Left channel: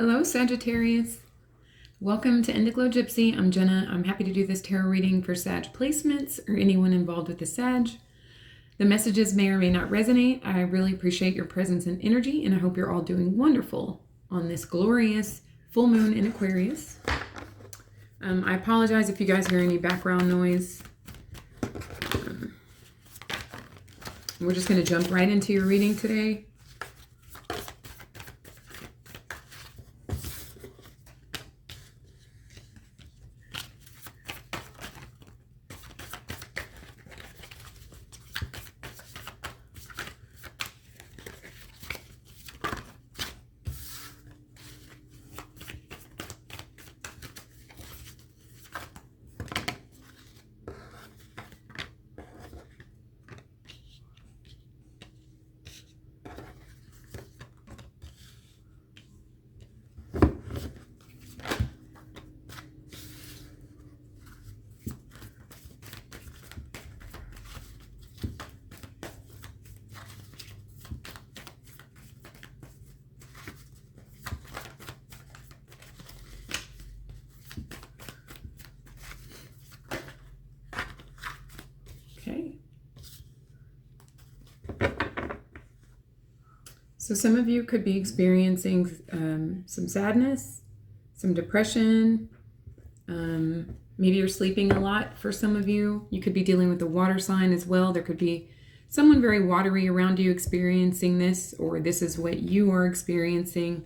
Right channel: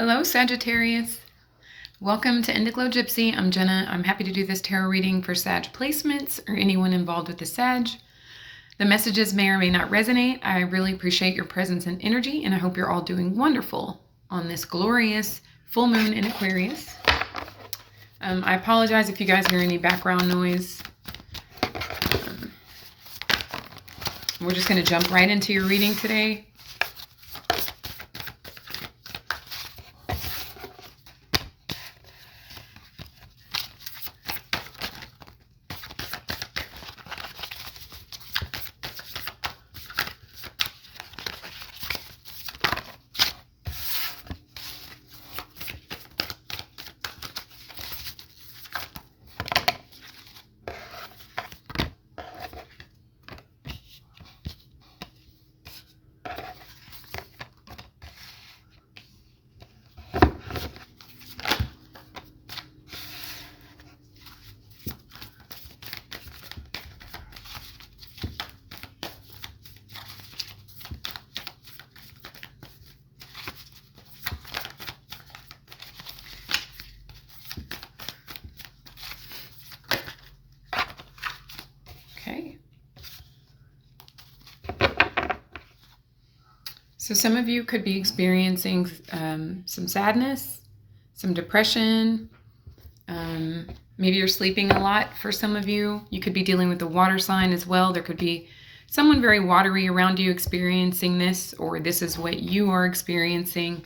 Hello, Sagittarius. Welcome to Indiglo Gypsy. I'm Jenna. I'm happy to do this tarot reading for Sag placements or anyone involved with the Sag. The messages may or may not resonate. I really appreciate your presence and energy, and I hope you're all doing wonderful on this glorious full moon in Aquarius. I apologize if you guys hear any background noise. We're just going to jump right into your reading today. So some of you could be experiencing some sadness, some depression. Maybe you're sleeping a lot for some of you. You could be dealing with the water sign as well. There could be someone very watery around you experiencing this, or this is what you are experiencing.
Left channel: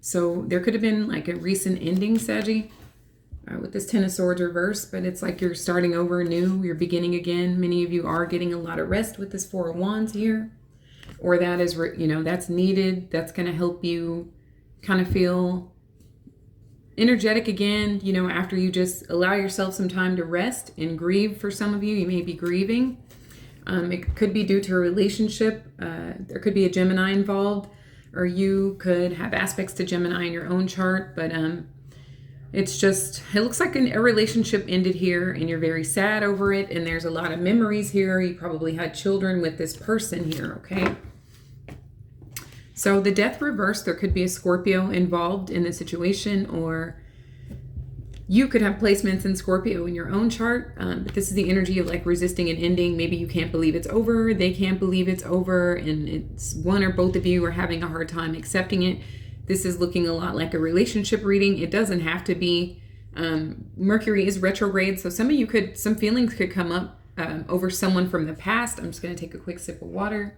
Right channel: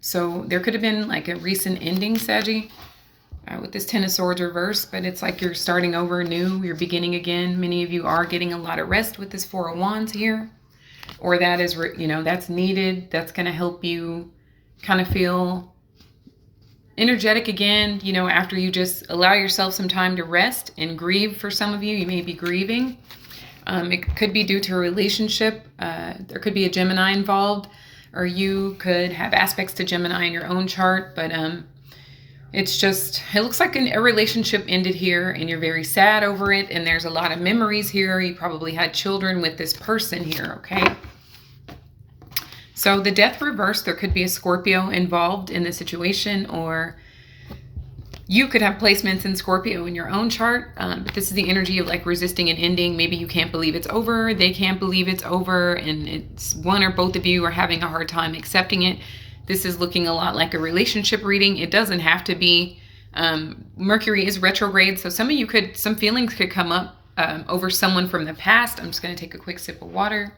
So there could have been like a recent ending, Saggy, with this Ten of Swords reverse, but it's like you're starting over new, you're beginning again. Many of you are getting a lot of rest with this Four of Wands here. Or that is, that's needed. That's going to help you kind of feel energetic again, after you just allow yourself some time to rest and grieve. For some of you, you may be grieving. It could be due to a relationship. There could be a Gemini involved, or you could have aspects to Gemini in your own chart. But it looks like a relationship ended here and you're very sad over it. And there's a lot of memories here. You probably had children with this person here, okay? So the Death reverse, there could be a Scorpio involved in the situation, or you could have placements in Scorpio in your own chart. But this is the energy of like resisting an ending. Maybe you can't believe it's over. They can't believe it's over. And it's one or both of you are having a hard time accepting it. This is looking a lot like a relationship reading. It doesn't have to be. Mercury is retrograde. So some feelings could come up over someone from the past. I'm just going to take a quick sip of water.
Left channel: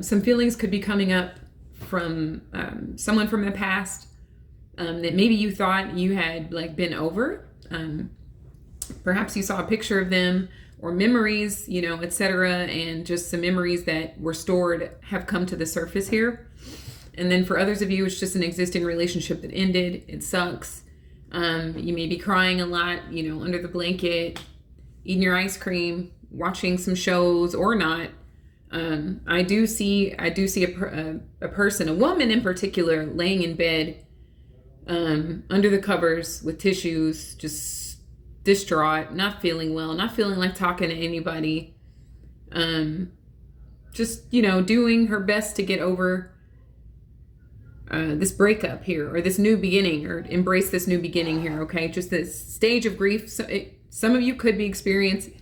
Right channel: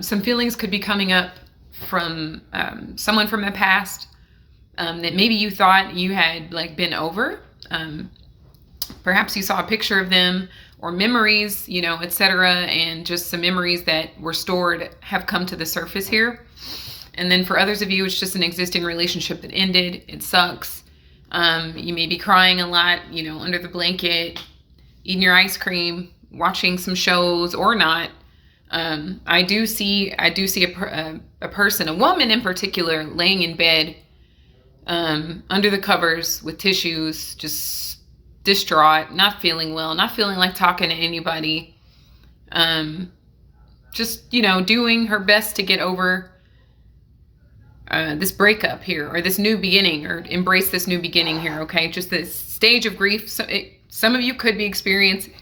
Some feelings could be coming up from someone from the past that maybe you thought you had like been over. Perhaps you saw a picture of them or memories, etc. And just some memories that were stored have come to the surface here. And then for others of you, it's just an existing relationship that ended. It sucks. You may be crying a lot, under the blanket, eating your ice cream, watching some shows or not. I do see a person, a woman in particular, laying in bed, under the covers with tissues, just distraught, not feeling well, not feeling like talking to anybody. Just, doing her best to get over, this breakup here, or this new beginning, or embrace this new beginning here. Okay. Just this stage of grief. So some of you could be experiencing,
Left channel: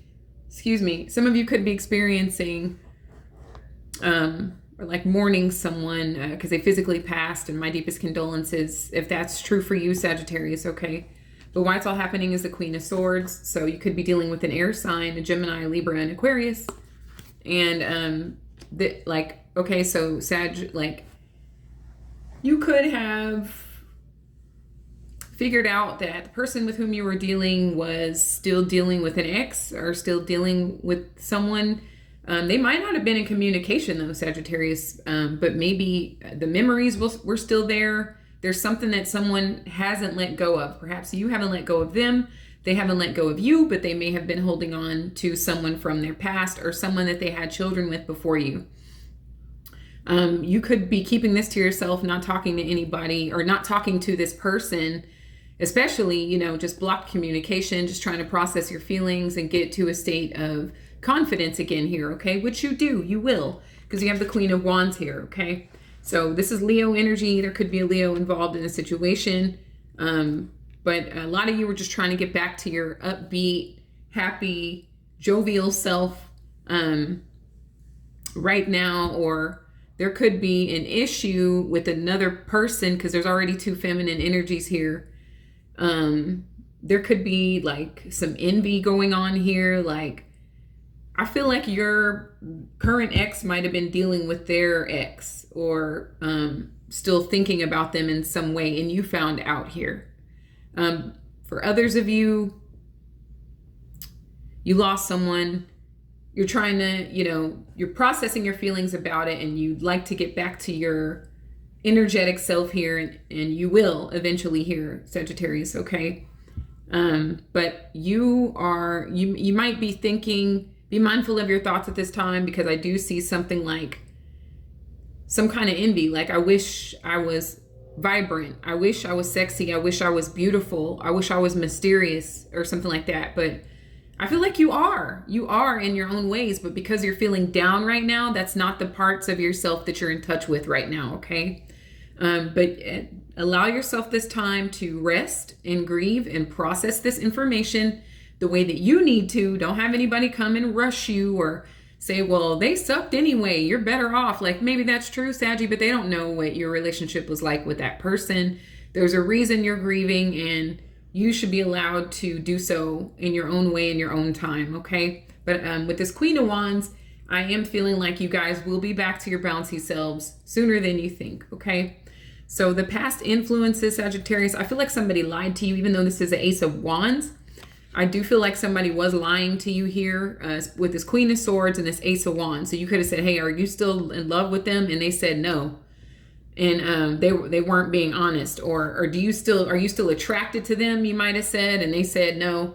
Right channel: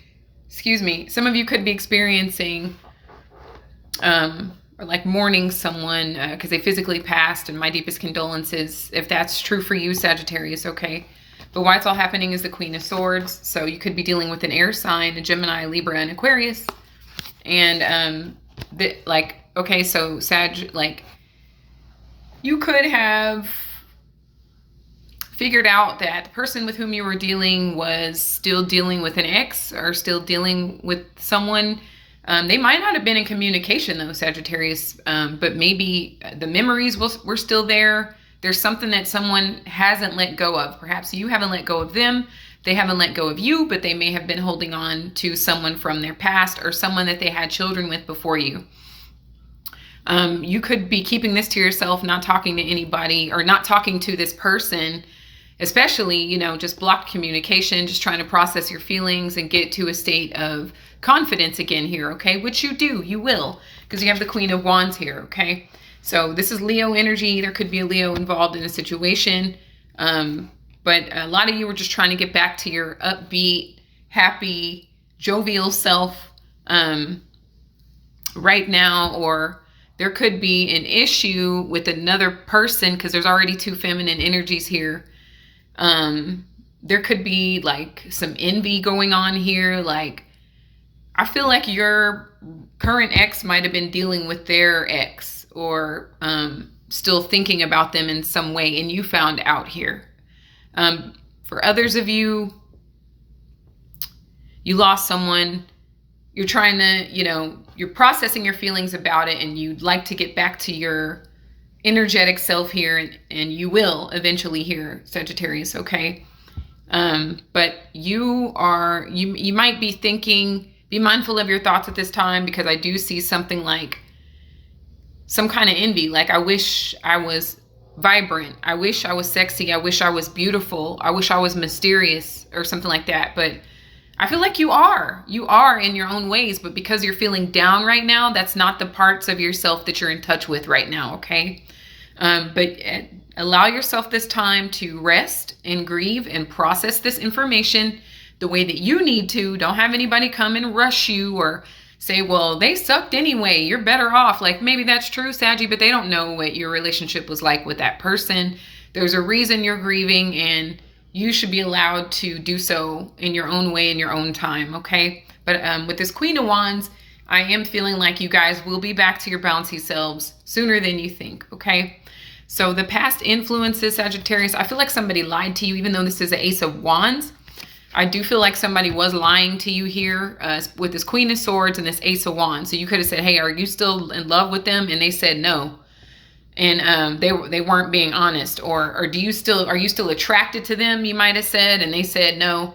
or like mourning someone because they physically passed, and my deepest condolences if that's true for you, Sagittarius, okay? But why it's all happening is the Queen of Swords. So you could be dealing with an air sign, a Gemini, Libra, and Aquarius. And so Sag, you could have figured out that the person with whom you were dealing was still dealing with an ex, or still dealing with someone. They might not have been in communication though, Sagittarius, but maybe the memories were still there. There's something that someone hasn't let go of. Perhaps you haven't let go of them. They haven't let go of you, but they may have been holding on to someone from their past, or someone that they had children with before you. You could be keeping this to yourself, not talking to anybody, or not talking to this person, especially, just blocked communication, just trying to process your feelings and get to a state of confidence again here, okay? Which you do, you will, because you have the Queen of Wands here, okay? So this is Leo energy. There could be a Leo involved in a situation. But a lot of you were just trying to get back to your upbeat, happy, jovial self right now, or there could be an issue with another person because there's already two feminine energies here. There could be like some envy going on here. Like, I feel like your current ex might have been dealing with their ex, or still thinking about them in some way, and you found out here. For others of you, you lost someone. You're trying to, you're processing your feelings about it, and you'd like to get back to your energetic self here, and you will eventually here, Sagittarius, okay? But you might be thinking, be mindful of your thoughts at this time, because I do see something like some kind of envy. Like, I wish I was vibrant. I wish I was sexy. I wish I was beautiful. I wish I was mysterious or something like that. But I feel like you are in your own ways, but because you're feeling down right now, that's not the parts of yourself that you're in touch with right now. Okay. But allow yourself this time to rest and grieve and process this information the way that you need to. Don't have anybody come and rush you or say, well, they sucked anyway, you're better off. Like, maybe that's true, Saggy, but they don't know what your relationship was like with that person. There's a reason you're grieving, and you should be allowed to do so in your own way, in your own time, okay? But with this Queen of Wands, I am feeling like you guys will be back to your bouncy selves sooner than you think, okay? So the past influences, Sagittarius, I feel like somebody lied to you, even though this is the Ace of Wands. I do feel like somebody was lying to you here with this Queen of Swords and this Ace of Wands. So you could have said, hey, are you still in love with them? And they said no. And they weren't being honest. Or are you still attracted to them? You might have said, and they said no,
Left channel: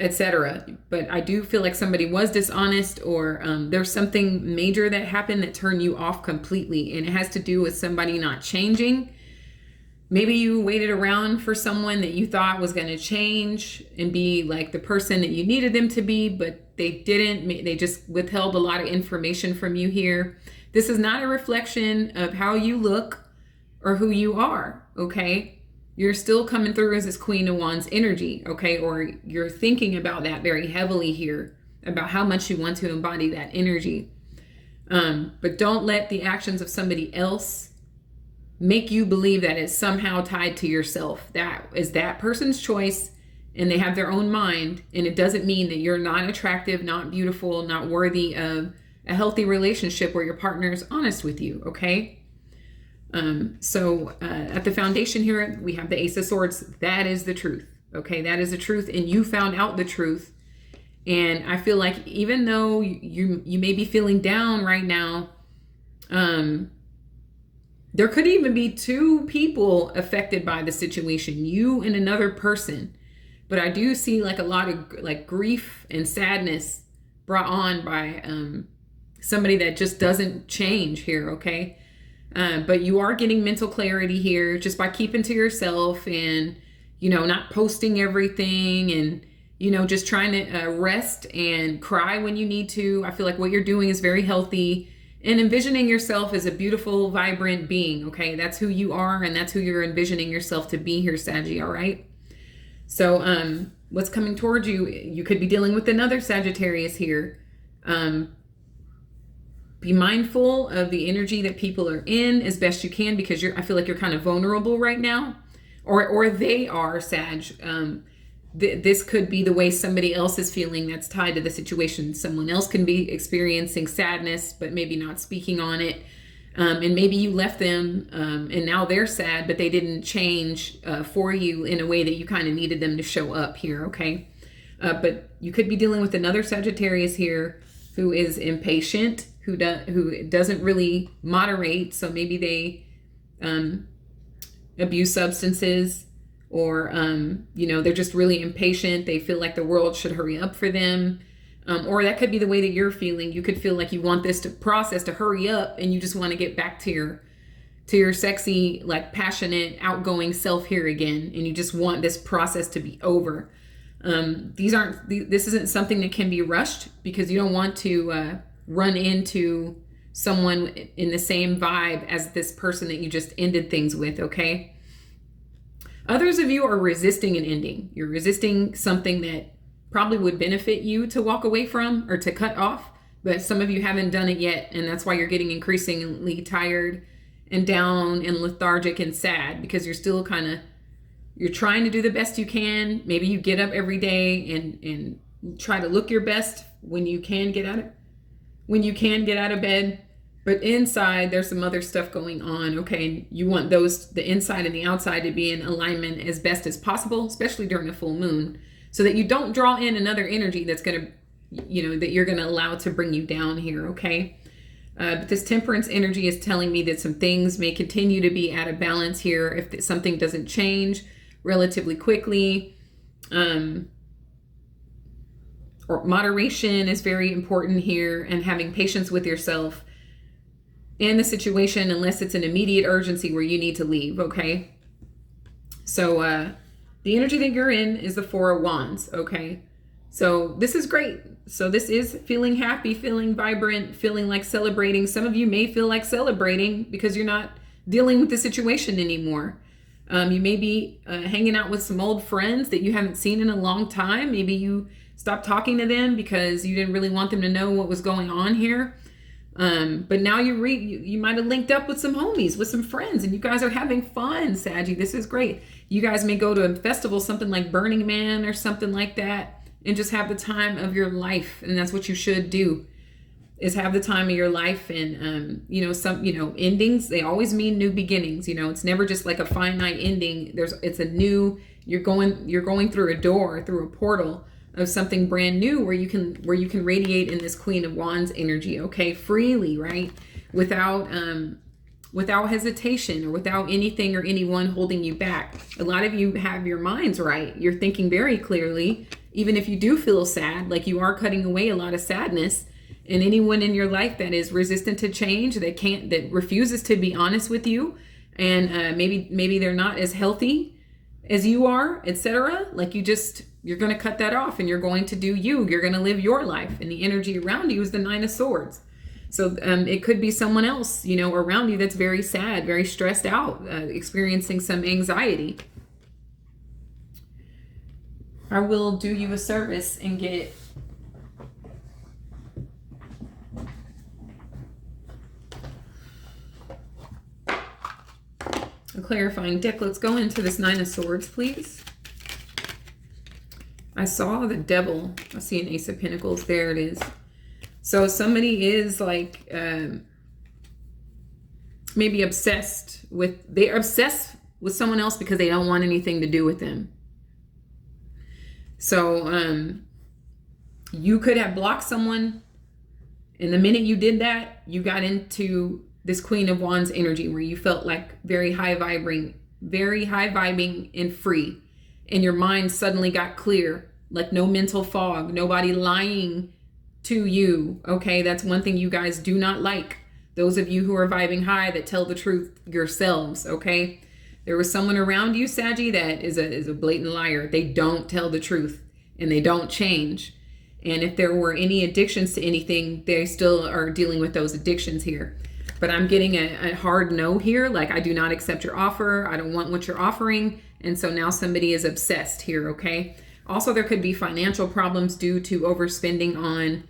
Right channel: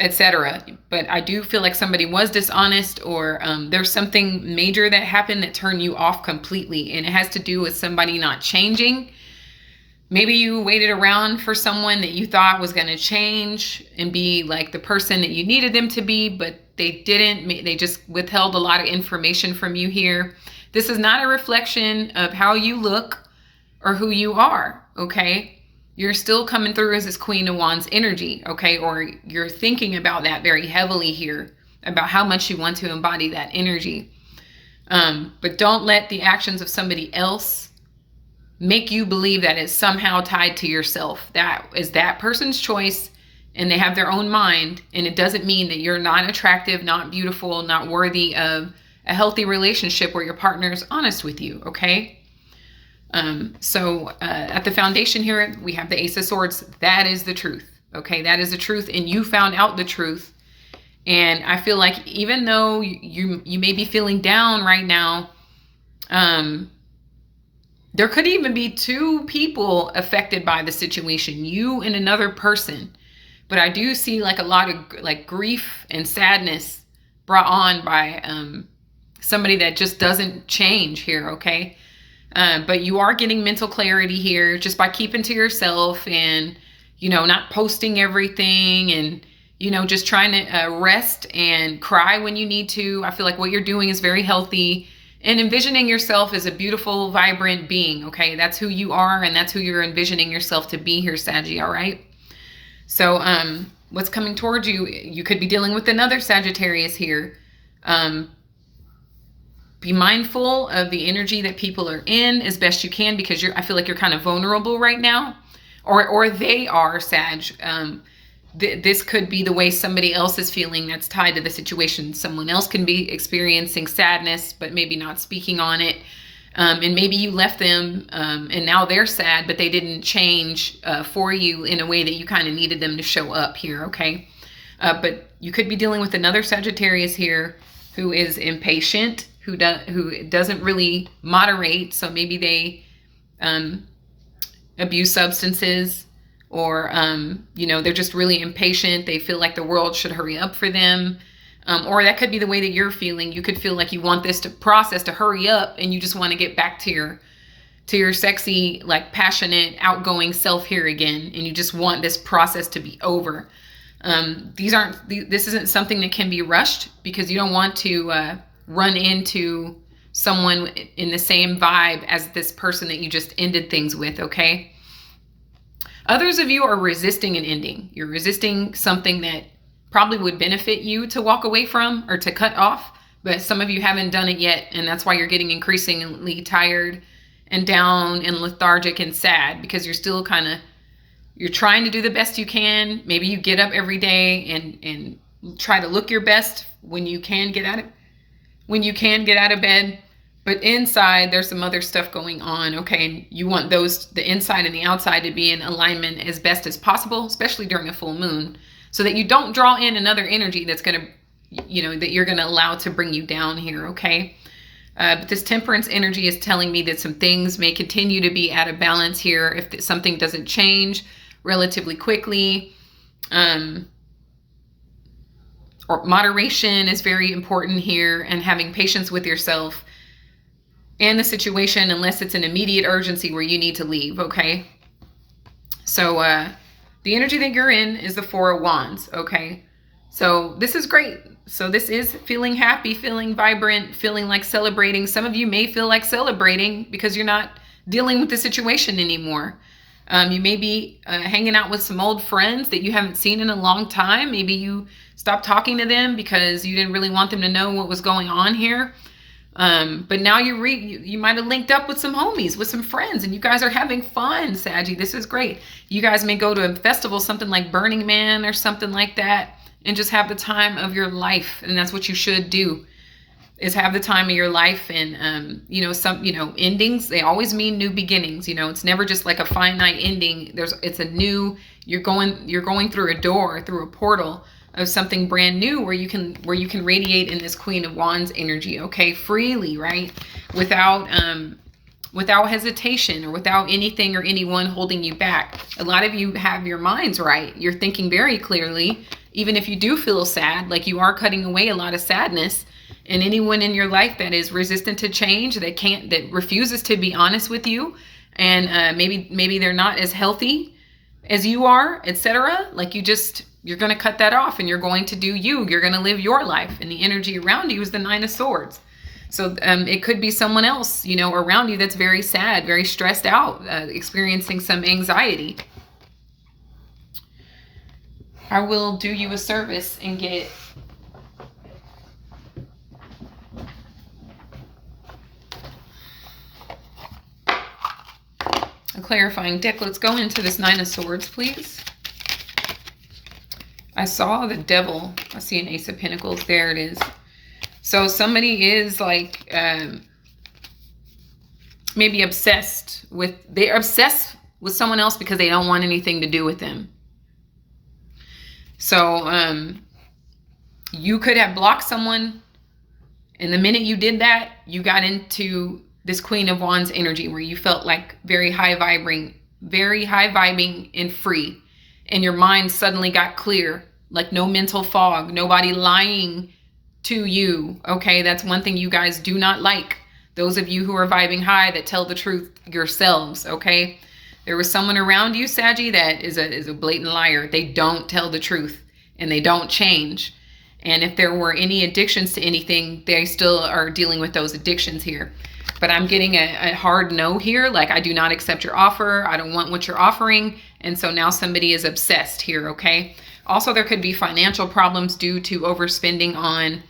etc. But I do feel like somebody was dishonest, or there's something major that happened that turned you off completely. And it has to do with somebody not changing. Maybe you waited around for someone that you thought was going to change and be like the person that you needed them to be, but they didn't. They just withheld a lot of information from you here. This is not a reflection of how you look or who you are, okay? You're still coming through as this Queen of Wands energy, okay? Or you're thinking about that very heavily here, about how much you want to embody that energy. But don't let the actions of somebody else make you believe that it's somehow tied to yourself. That is that person's choice, and they have their own mind, and it doesn't mean that you're not attractive, not beautiful, not worthy of a healthy relationship where your partner is honest with you, okay? So at the foundation here, we have the Ace of Swords. That is the truth, okay? That is the truth, and you found out the truth. And I feel like even though you may be feeling down right now, there could even be two people affected by the situation, you and another person. But I do see like a lot of like grief and sadness brought on by somebody that just doesn't change here, okay? But you are getting mental clarity here just by keeping to yourself and, not posting everything and, just trying to rest and cry when you need to. I feel like what you're doing is very healthy. And envisioning yourself as a beautiful, vibrant being, okay? That's who you are, and that's who you're envisioning yourself to be here, Saggy, all right? So what's coming towards you? You could be dealing with another Sagittarius here. Be mindful of the energy that people are in as best you can, because I feel like you're kind of vulnerable right now, or they are, Sag. This could be the way somebody else is feeling that's tied to the situation. Someone else can be experiencing sadness, but maybe not speaking on it. And maybe you left them and now they're sad, but they didn't change for you in a way that you kind of needed them to show up here, okay? But you could be dealing with another Sagittarius here who is impatient, who doesn't really moderate. So maybe they abuse substances, or, they're just really impatient. They feel like the world should hurry up for them. Or that could be the way that you're feeling. You could feel like you want this process to hurry up, and you just want to get back to your sexy, like passionate, outgoing self here again. And you just want this process to be over. This isn't something that can be rushed, because you don't want to run into someone in the same vibe as this person that you just ended things with, okay? Others of you are resisting an ending. You're resisting something that probably would benefit you to walk away from or to cut off, but some of you haven't done it yet, and that's why you're getting increasingly tired and down and lethargic and sad, because you're still you're trying to do the best you can. Maybe you get up every day and try to look your best when you can get out of bed. But inside, there's some other stuff going on, okay? You want the inside and the outside to be in alignment as best as possible, especially during a full moon, so that you don't draw in another energy that's going to, that you're going to allow to bring you down here, okay? But this temperance energy is telling me that some things may continue to be out of balance here if something doesn't change relatively quickly. Or moderation is very important here, and having patience with yourself and the situation, unless it's an immediate urgency where you need to leave, okay? So the energy that you're in is the Four of Wands, okay? So this is great. So this is feeling happy, feeling vibrant, feeling like celebrating. Some of you may feel like celebrating because you're not dealing with the situation anymore. You may be hanging out with some old friends that you haven't seen in a long time. Maybe you stopped talking to them because you didn't really want them to know what was going on here. But now you might have linked up with some homies, with some friends, and you guys are having fun, Saggy. This is great. You guys may go to a festival, something like Burning Man or something like that, and just have the time of your life. And that's what you should do, is have the time of your life. And, endings, they always mean new beginnings. It's never just like a finite ending. You're going through a door, through a portal of something brand new where you can radiate in this Queen of Wands energy, okay, freely, right? Without hesitation or without anything or anyone holding you back. A lot of you have your minds right. You're thinking very clearly, even if you do feel sad, like you are cutting away a lot of sadness. And anyone in your life that is resistant to change, that refuses to be honest with you, and maybe they're not as healthy as you are, etc. Like you're going to cut that off, and you're going to do you. You're going to live your life. And the energy around you is the Nine of Swords. So it could be someone else, around you that's very sad, very stressed out, experiencing some anxiety. I will do you a service and get a clarifying deck. Let's go into this Nine of Swords, please. I saw the Devil. I see an Ace of Pentacles. There it is. So somebody is like maybe they're obsessed with someone else because they don't want anything to do with them. So you could have blocked someone, and the minute you did that, you got into this Queen of Wands energy where you felt like very high vibing and free. And your mind suddenly got clear, like no mental fog, nobody lying to you. Okay, that's one thing you guys do not like. Those of you who are vibing high that tell the truth yourselves, okay? There was someone around you, Saggy, that is a blatant liar. They don't tell the truth, and they don't change. And if there were any addictions to anything, they still are dealing with those addictions here. But I'm getting a hard no here. Like, I do not accept your offer. I don't want what you're offering. And so now somebody is obsessed here, okay? Also, there could be financial problems due to overspending on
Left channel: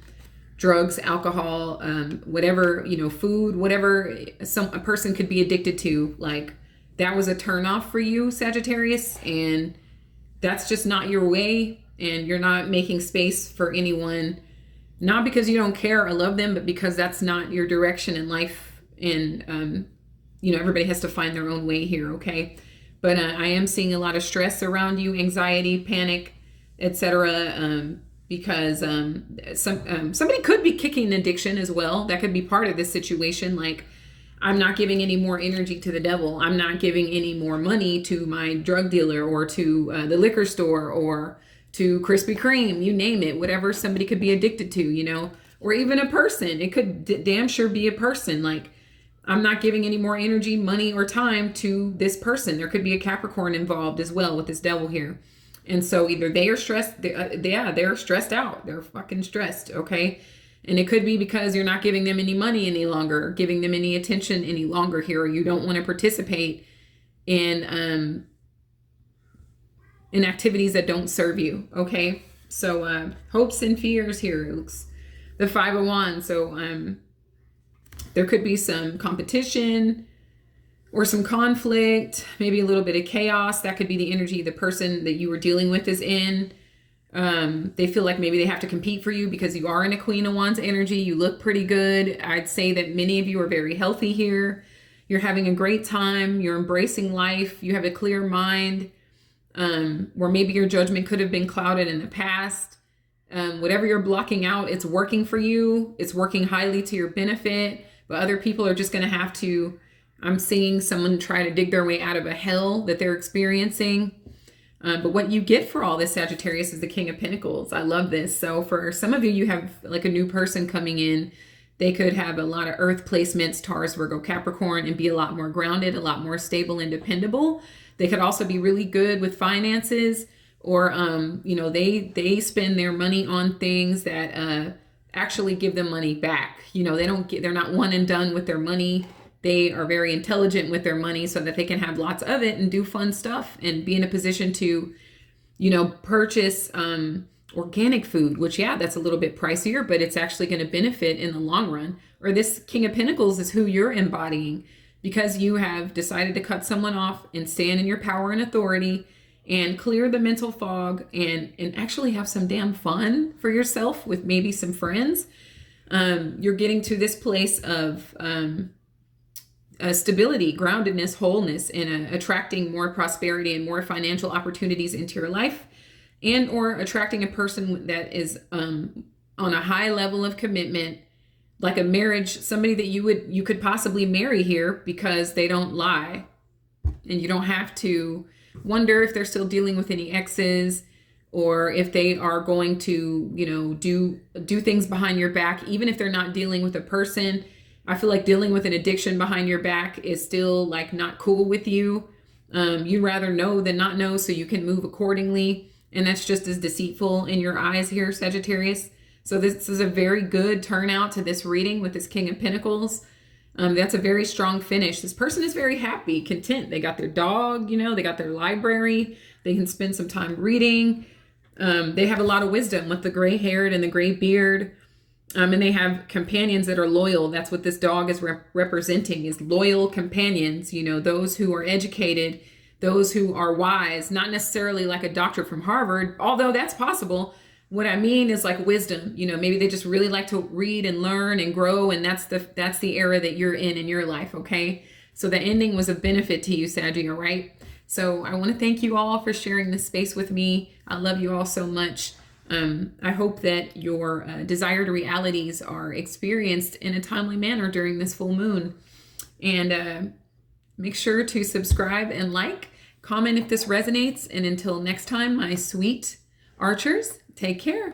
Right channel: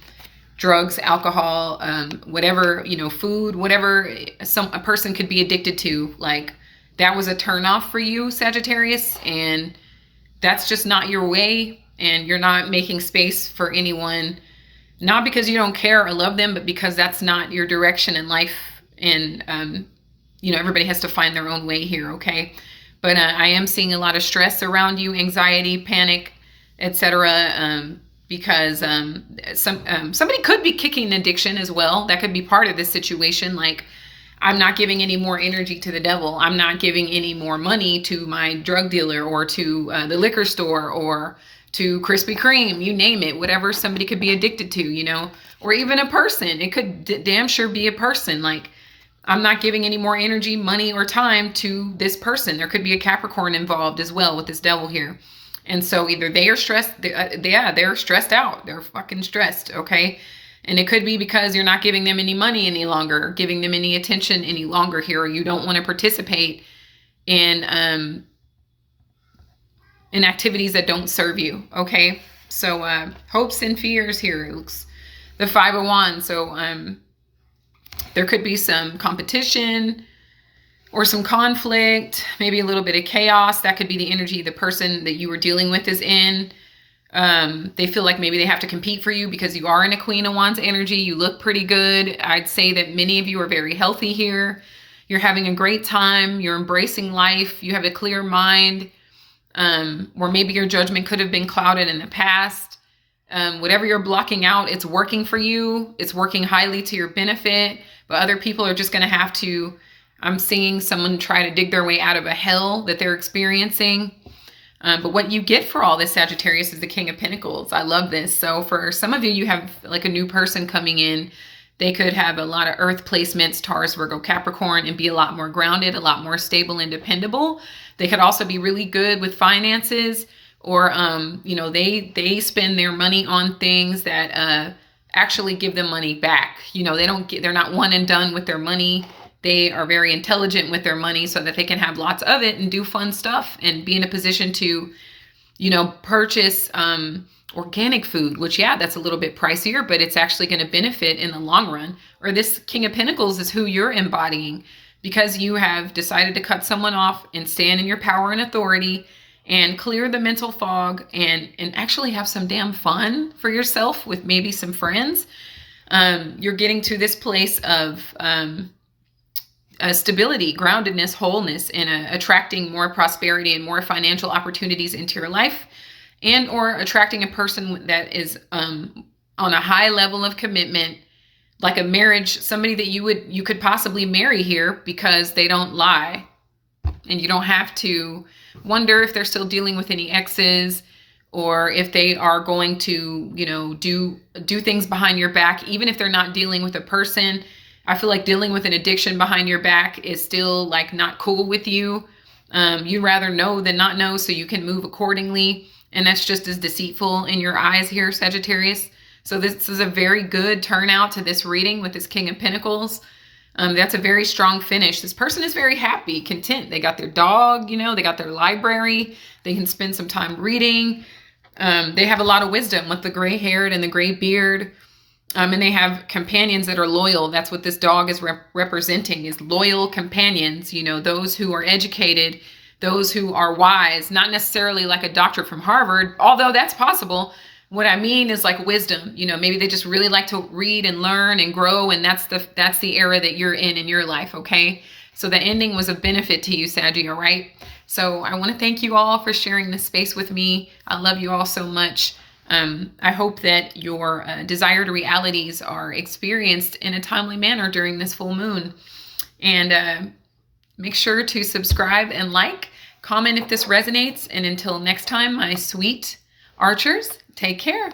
drugs, alcohol, whatever, food, whatever a person could be addicted to. Like, that was a turnoff for you, Sagittarius, and that's just not your way. And you're not making space for anyone, not because you don't care or love them, but because that's not your direction in life. And, everybody has to find their own way here, okay? But I am seeing a lot of stress around you, anxiety, panic, etc. Because somebody could be kicking addiction as well. That could be part of this situation. Like, I'm not giving any more energy to the devil. I'm not giving any more money to my drug dealer or to the liquor store or to Krispy Kreme, you name it, whatever somebody could be addicted to, or even a person. It could damn sure be a person. Like, I'm not giving any more energy, money, or time to this person. There could be a Capricorn involved as well with this devil here. And so either they are stressed, they're stressed out. They're fucking stressed, okay? And it could be because you're not giving them any money any longer, giving them any attention any longer here, or you don't want to participate in activities that don't serve you, okay? So hopes and fears here. It looks the Five of Wands. So there could be some competition or some conflict, maybe a little bit of chaos. That could be the energy the person that you were dealing with is in. They feel like maybe they have to compete for you because you are in a Queen of Wands energy. You look pretty good. I'd say that many of you are very healthy here. You're having a great time. You're embracing life. You have a clear mind. Or maybe your judgment could have been clouded in the past. Whatever you're blocking out, it's working for you. It's working highly to your benefit. But other people are just going to have to, I'm seeing someone try to dig their way out of a hell that they're experiencing. But what you get for all this, Sagittarius, is the King of Pentacles. I love this. So for some of you, you have like a new person coming in. They could have a lot of earth placements, Taurus, Virgo, Capricorn, and be a lot more grounded, a lot more stable and dependable. They could also be really good with finances, or, they spend their money on things that actually give them money back. They're not one and done with their money. They are very intelligent with their money so that they can have lots of it and do fun stuff and be in a position to, purchase organic food, which, that's a little bit pricier, but it's actually going to benefit in the long run. Or this King of Pentacles is who you're embodying because you have decided to cut someone off and stand in your power and authority and clear the mental fog and actually have some damn fun for yourself with maybe some friends. You're getting to this place of stability, groundedness, wholeness, and attracting more prosperity and more financial opportunities into your life, and or attracting a person that is on a high level of commitment, like a marriage, somebody that you could possibly marry here because they don't lie, and you don't have to wonder if they're still dealing with any exes or if they are going to, do things behind your back, even if they're not dealing with a person. I feel like dealing with an addiction behind your back is still like not cool with you. You'd rather know than not know, so you can move accordingly. And that's just as deceitful in your eyes here, Sagittarius. So this is a very good turnout to this reading with this King of Pentacles. That's a very strong finish. This person is very happy, content. They got their dog, they got their library. They can spend some time reading. They have a lot of wisdom with the gray haired and the gray beard. And they have companions that are loyal. That's what this dog is representing, is loyal companions, those who are educated, those who are wise, not necessarily like a doctor from Harvard, although that's possible. What I mean is like wisdom, maybe they just really like to read and learn and grow. And that's the era that you're in your life. Okay. So the ending was a benefit to you, Saggy. All right. So I want to thank you all for sharing this space with me. I love you all so much. I hope that your desired realities are experienced in a timely manner during this full moon. And make sure to subscribe and like, comment if this resonates. And until next time, my sweet archers, take care.